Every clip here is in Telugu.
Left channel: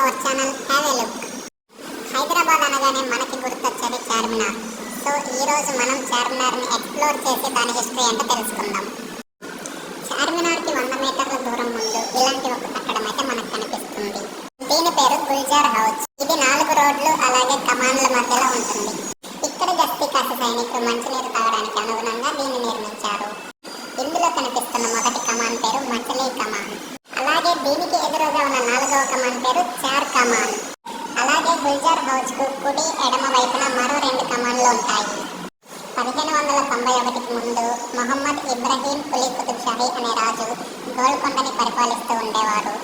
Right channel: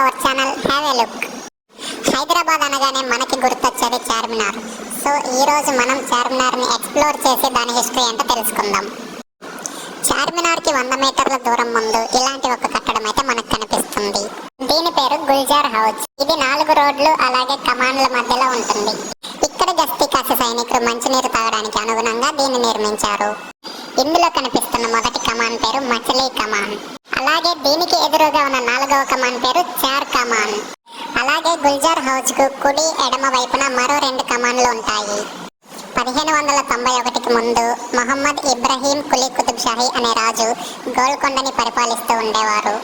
Our channel have a look. Hyderabad అనగానే మనకి గుర్తొచ్చేది చార్మినార్. సో ఈ రోజు మనం చార్మినార్ని ఎక్స్ప్లోర్ చేసి దాని హిస్టరీ ఏంటో తెలుసుకుందాం. చార్మినార్కి 100 మీటర్ల దూరం ముందు ఇలాంటి ఒక కట్టడం అయితే మనకు కనిపిస్తుంది. దీని పేరు గుల్జార్ హౌస్. ఇది 4 రోడ్లు అలాగే కమాన్ల మధ్యలో ఉంటుంది. ఇక్కడ గస్తీ కాసే సైనికులు మంచినీరు తాగడానికి అనుగుణంగా దీన్ని నిర్మించారు. ఇందులో కనిపిస్తున్న మొదటి కమాన్ పేరు మచిలీ కమాన్. అలాగే దీనికి ఎదురుగా ఉన్న 4వ కమాన్ పేరు చార్ కమాన్. అలాగే గుల్జార్ హౌస్ కు కుడి ఎడమ వైపున మరో 2 కమాన్లు ఉంటాయి. 1591కి ముందు మహమ్మద్ ఇబ్రహీం కులీ కుతుబ్ షాహీ అనే రాజు గోల్కొండని పరిపాలిస్తూ ఉండేవారు.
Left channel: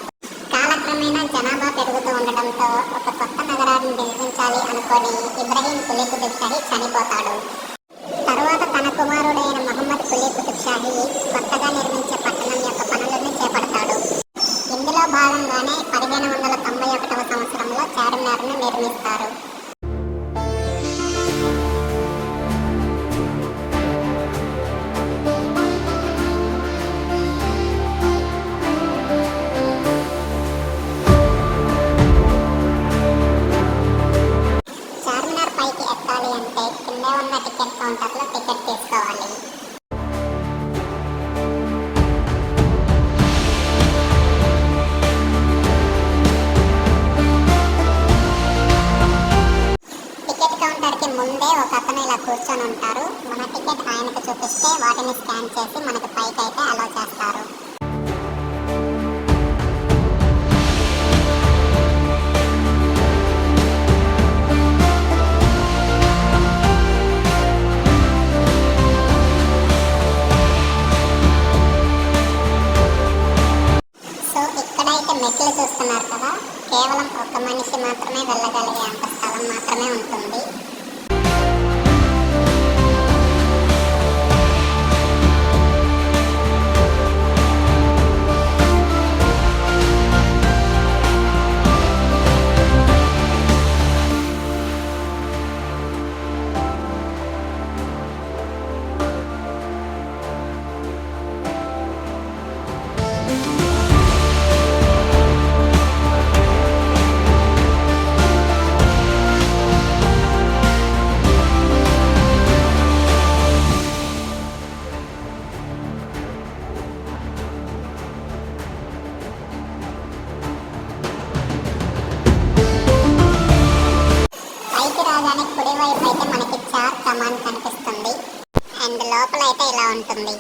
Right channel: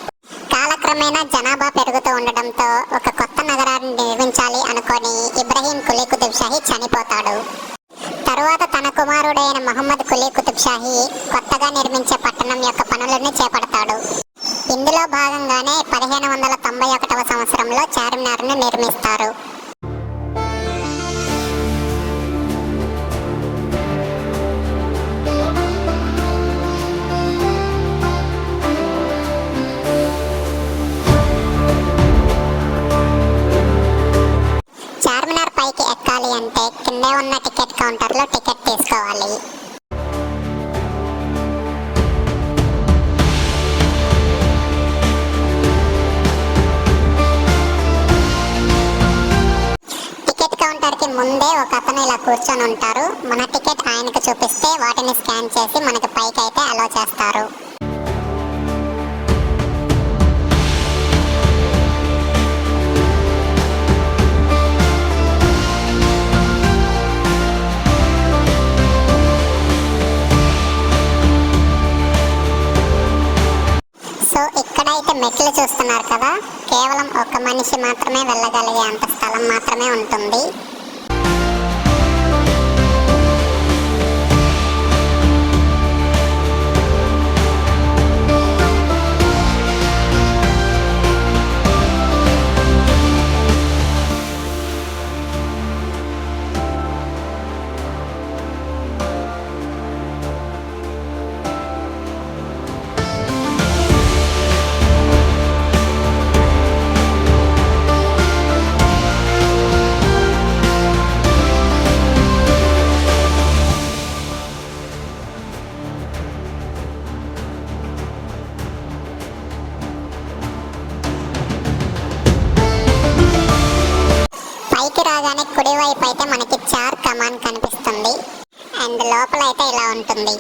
కాలక్రమేణా జనాభా పెరుగుతూ ఉండడంతో ఒక కొత్త నగరాన్ని నిర్మించాలి అనుకొని ఇబ్రహీం కులీ కుతుబ్ షాహీ చనిపోతాడు. తరువాత తన కుమారుడైన మహమ్మద్ కులీ కుతుబ్ షాహీ కొత్తగా నిర్మించే పట్టణం యొక్క పనులను చేపడతాడు. ఇందులో భాగంగానే 1591వ సంవత్సరంలో చార్మినార్ను నిర్మిస్తారు. చార్మినార్ పైకి ఎక్కాలి అంటే కిందే ఉన్న టికెట్ కౌంటర్లో టికెట్ తీసుకోవాలి. ముందే ఒక అతను ఇలా కూర్చొని ఉంటారు. మన టికెట్ ఆయనకు చూపిస్తే వాటిని స్కాన్ చేసి మనకి పైకి అయితే అలో చేస్తారు. సో ఇక్కడైతే మెట్లు చూస్తున్నారు కదా, కేవలం ఒక మనిషి మాత్రమే వెళ్ళగలిగే అంత స్థలం మాత్రమే ఉంటుంది. రాగానే కుడివైపు అయితే మనకి చార్ కమాన్ కనిపిస్తుంది. అండ్ లోపల అయితే ఇలా ఉంటుంది.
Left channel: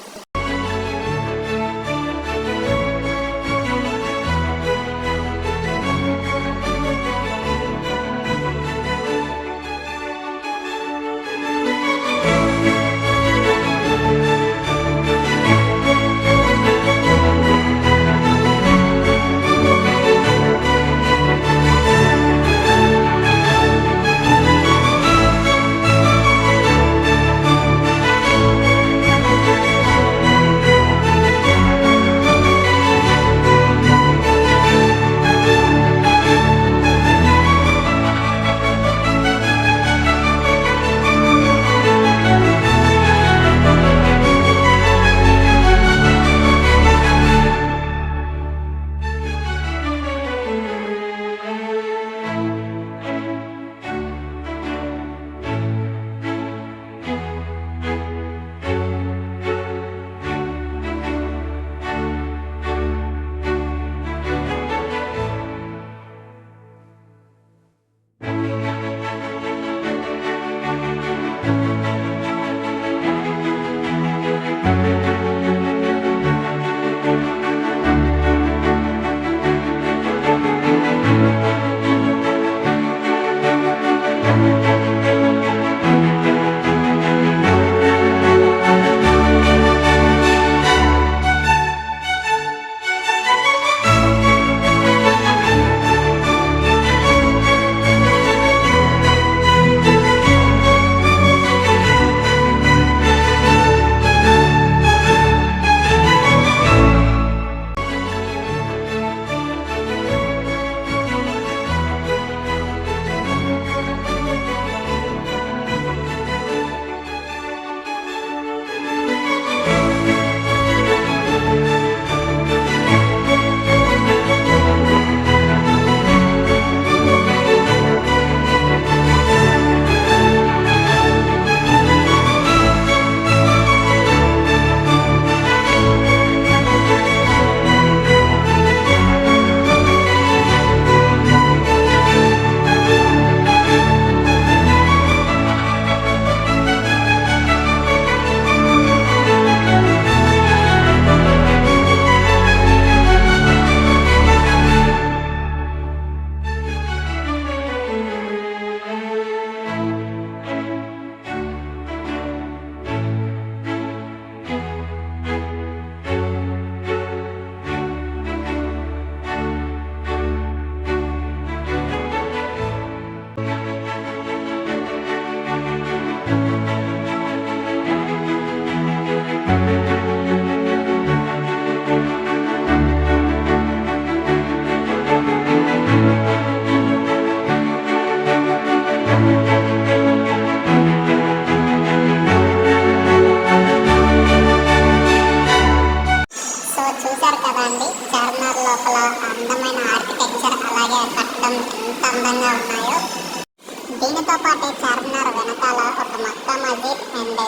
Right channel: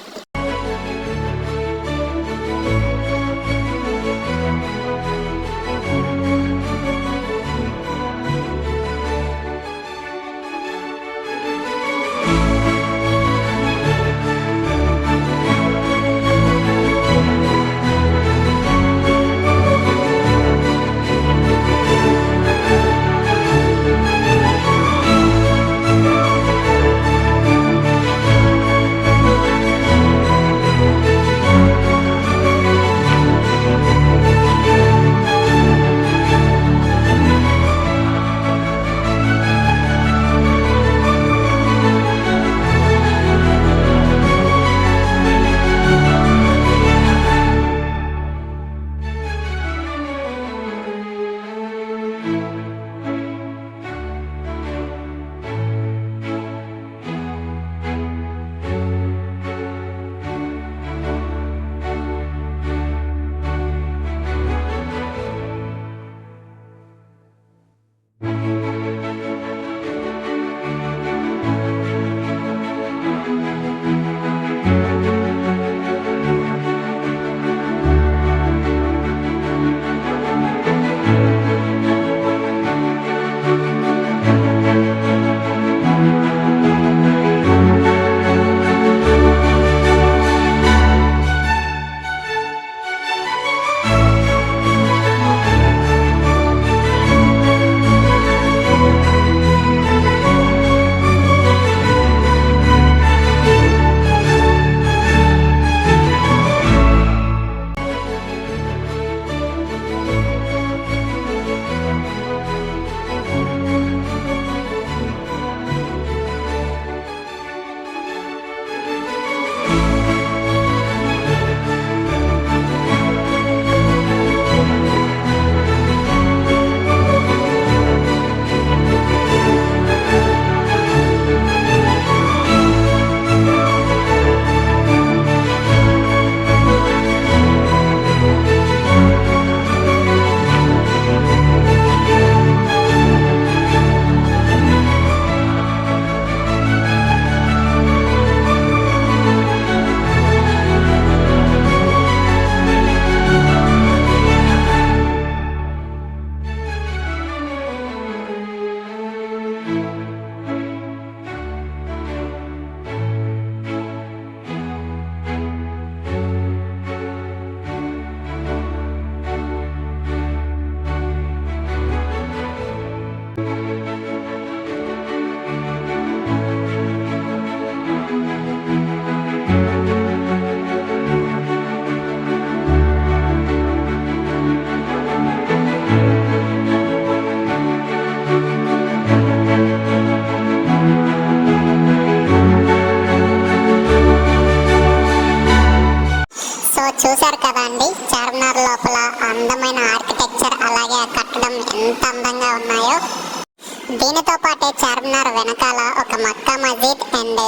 ఎంత అందంగా ఉన్నాయో. దీనితో పాటే చార్మినార్ వెనకాల ఒక మక్కా మస్జిద్ అండ్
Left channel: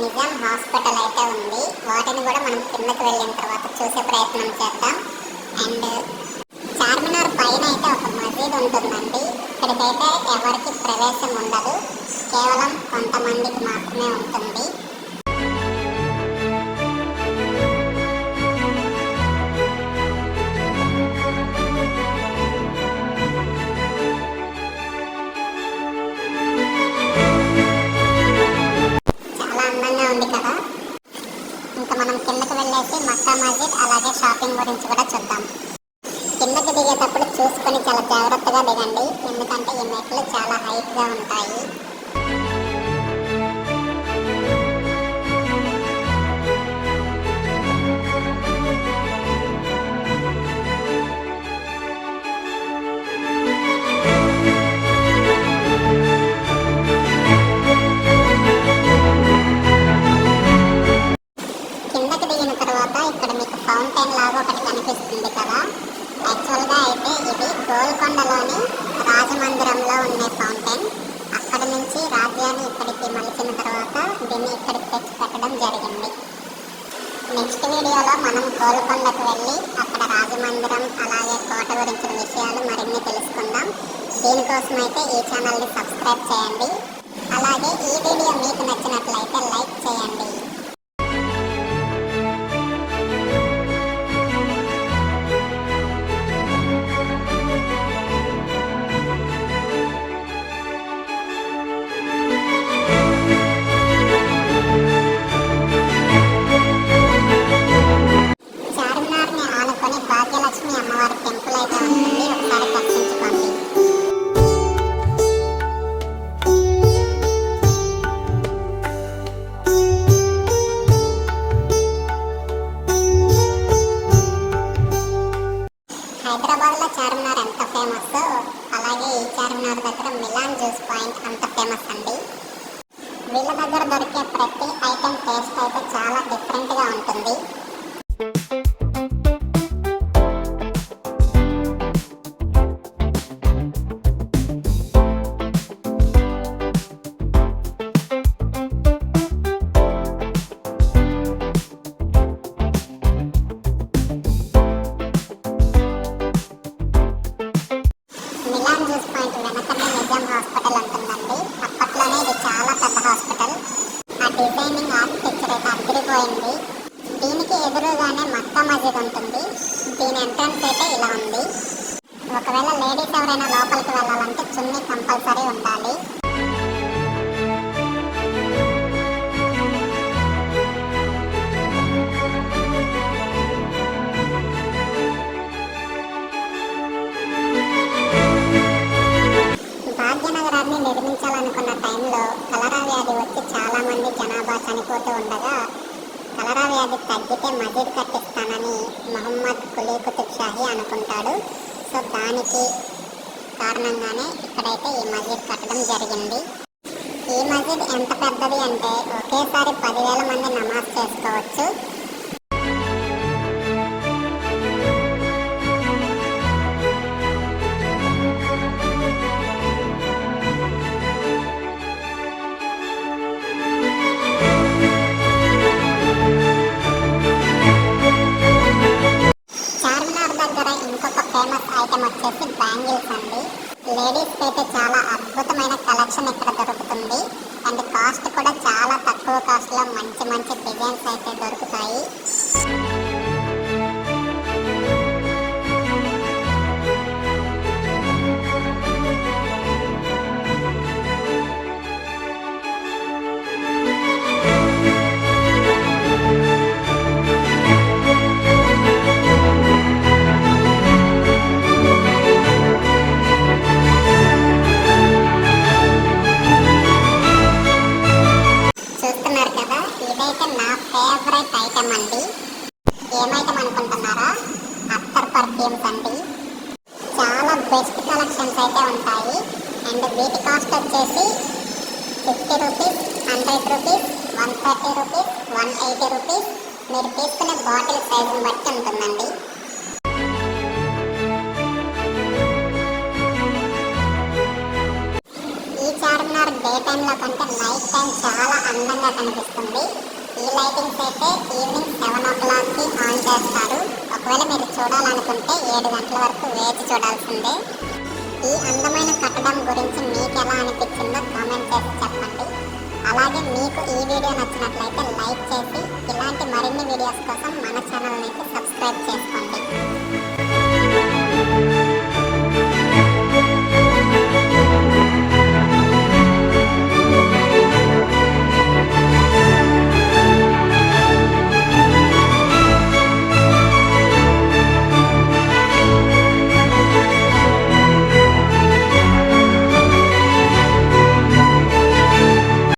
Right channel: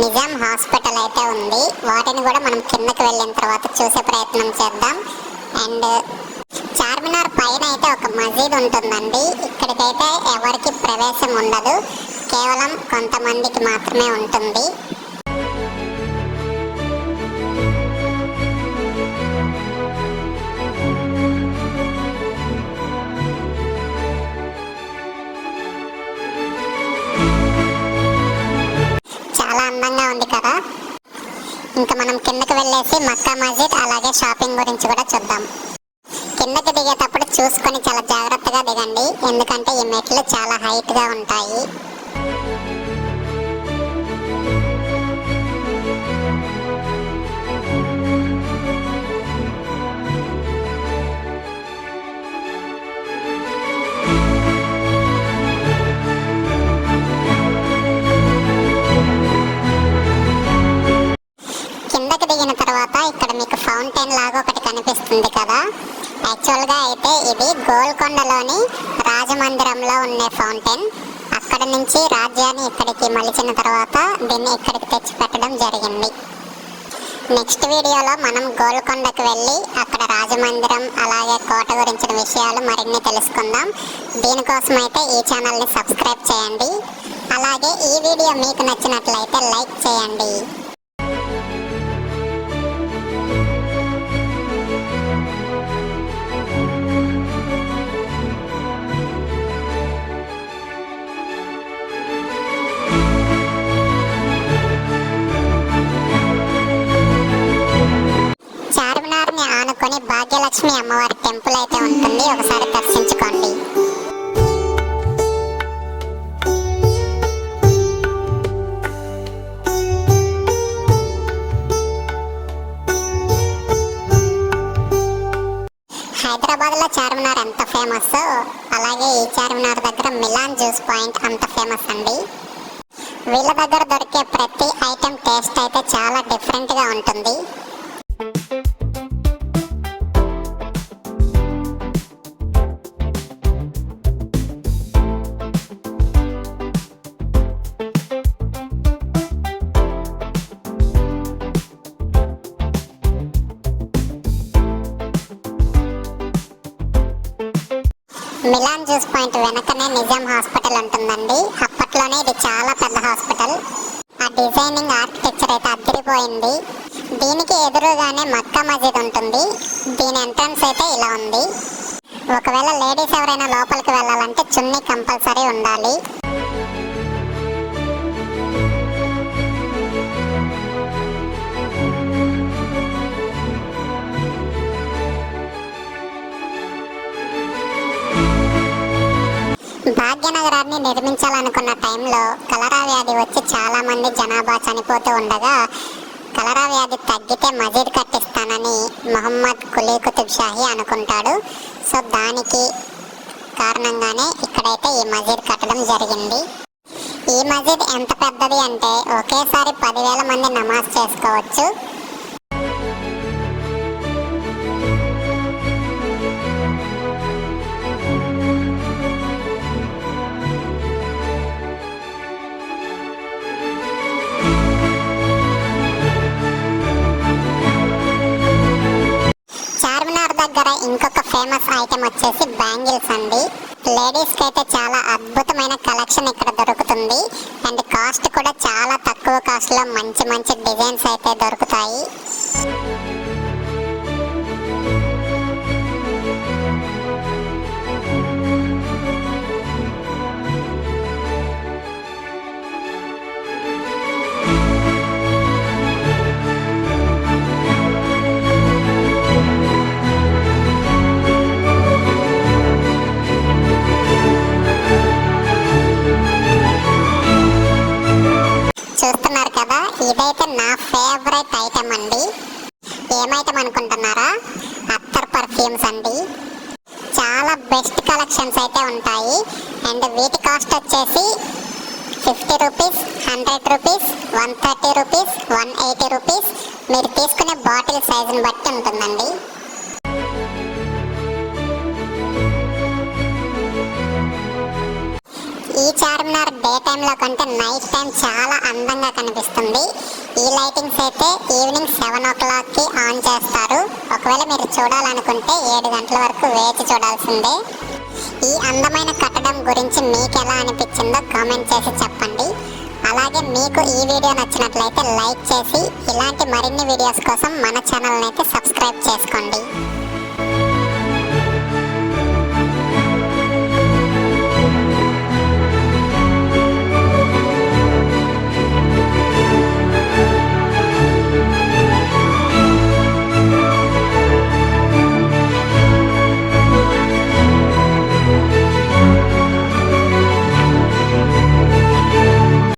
నిజాం హాస్పిటల్ అయితే ఉంది. వాటిని కూడా మనం కిందకి వెళ్ళిన తర్వాత చూసే ప్రయత్నం చేద్దాం. అండ్ చార్మినార్ పైన అయితే ఒక మస్జిద్ ఉంటుందండి. ఇక్కడికైతే ఎవరికి ప్రవేశం ఉండదు, కేవలం కొంతమందికి మాత్రమే ఉంటుంది. చాలా అందంగా ఉంది కదా. ఇంకా మనం కిందకి వెళ్ళేసి మక్కా మస్జిద్ అలాగే షాపింగ్ గురించి కూడా చూద్దాం. కిందకి దిగేటప్పుడు చూసుకొని చాలా జాగ్రత్తగా దిగండి, ఎందుకంటే ఈ మెట్లు చాలా హైట్గా ఉంటాయి. కిందకి దిగిన తర్వాత ఇక్కడ మీకు ఫౌంటైన్ లాగా ఒకటి కనిపిస్తుంది కదా. యాక్చువల్గా అయితే ఇది గోల్కొండలోని రాజమందిరంలో ఉండే ఫౌంటైన్. అక్కడ నుంచి రాజ్యాన్ని ఇక్కడికి మలిచిన తర్వాత దీన్ని ఇక్కడికి తెచ్చి పెట్టడం జరిగింది. నెక్స్ట్ వీడియోలో మనం గోల్కొండకు వెళ్ళి అక్కడ రాజమందిరం అలాగే కోట గురించిన విషయాలు మరిన్ని తెలుసుకుందాం. దీనికోసం అయితే ఈ ఛానల్ని సబ్స్క్రైబ్ చేయండి. అలాగే ఈ వీడియో మీకు నచ్చినట్లయితే లైక్ చేయండి. భాగ్యలక్ష్మి అమ్మవారి టెంపుల్ అయితే ఉంటుంది, ఒకసారి దర్శించుకోండి. హైదరాబాద్ లో చార్మినార్ ఎంత ఫేమస్, అలాగే ఈ చార్మినార్ దగ్గర మిలాన్ జ్యూస్ పాయింట్ అంత ఫేమస్ అండి. వీళ్ళ దగ్గర దొరికే ప్రతి ఐటెం టేస్ట్ అయితే చాలా డిఫరెంట్ గా ఉంటుంది. మిలాన్ జ్యూస్ పాయింట్ వెనకనే నిజాం హాస్పిటల్ ఉంటుందండి. అప్పట్లోనే ఇది చాలా పెద్ద హాస్పిటల్. ఆ డిజైనింగ్ ఆర్కిటెక్చర్ అయితే అదిరిపోయింది. దీనికి ఎదురుగానే మక్కా మస్జిద్ ఉంటుంది. దీని ఎంట్రన్స్ అయితే ఇలా ఉంది. ఒకవేళ లేడీస్ ఎవరైనా లోపలికి వెళ్ళాలంటే చున్నీ కంపల్సరీ ఉండాలి. భాగ్యనగరాన్ని నిర్మించాలనుకున్న టైంలో కలరా వ్యాధి వచ్చి చాలా మంది జనాభా చనిపోతూ ఉండగా కలరా వ్యాధి తగ్గితే మస్జిద్ కట్టిస్తానని మొహమ్మద్ కులీ కుతుబ్ షాహీ అనుకుంటాడు. సో దానికి కారణంగానే ఇక్కడైతే ఈ మస్జిద్ కట్టడం జరిగింది. ఈ మస్జిద్ ఎంత పెద్దది అంటే ఒకేసారి 10,000 మంది నమాజ్ చేసుకోవచ్చు. ఇంకొక ఫేమస్ ఐటమ్ వచ్చేసి బ్యాంగిల్స్ అండి. లేడీస్కి అయితే చాలా అద్భుతమైన కలెక్షన్ ఇక్కడ దొరుకుతుంది. అండ్ కాస్ట్ కూడా చాలా తక్కువ కాస్ట్లో మంచి మంచి డిజైన్స్ అయితే దొరుకుతాయి. ఇదైతే నా ఫేవరెట్ ఐటమ్ అండి. ఏమైటమ్ అనుకుంటున్నారా? అత్తర్ పర్ఫ్యూమ్స్ అండి. చాలా బెస్ట్ కలెక్షన్స్ అయితే ఉంటాయి. అండ్ వీటి కాస్ట్ వచ్చేసి 50 రూపీస్, 100 రూపీస్, 130 రూపీస్, 180 రూపీస్. మీరు తీసుకునే బాటిల్ సైజుని బట్టి ఉంటుందండి. ఎందుకంటే నైట్ టైం చాలా అందంగా కనిపిస్తుంది. ఈ లైటింగ్స్ అయితే ఈవినింగ్ 7 o'clockకి ఆన్ చేస్తారు. ఒకవేళ మీరు చూడాలనుకుంటే 7 గంటల వరకు వేచి చూడాల్సిందే. ఈ అందమైన కట్టడం గురించి మీకు ఎలా అనిపించిందో కామెంట్ చేసి చెప్పండి. అలాగే మీకు ఈ వీడియో నచ్చినట్లయితే లైక్ చేసి ఇలాంటి మరిన్ని వీడియోస్ కోసం మన ఛానల్ని అయితే సబ్స్క్రైబ్ చేయండి.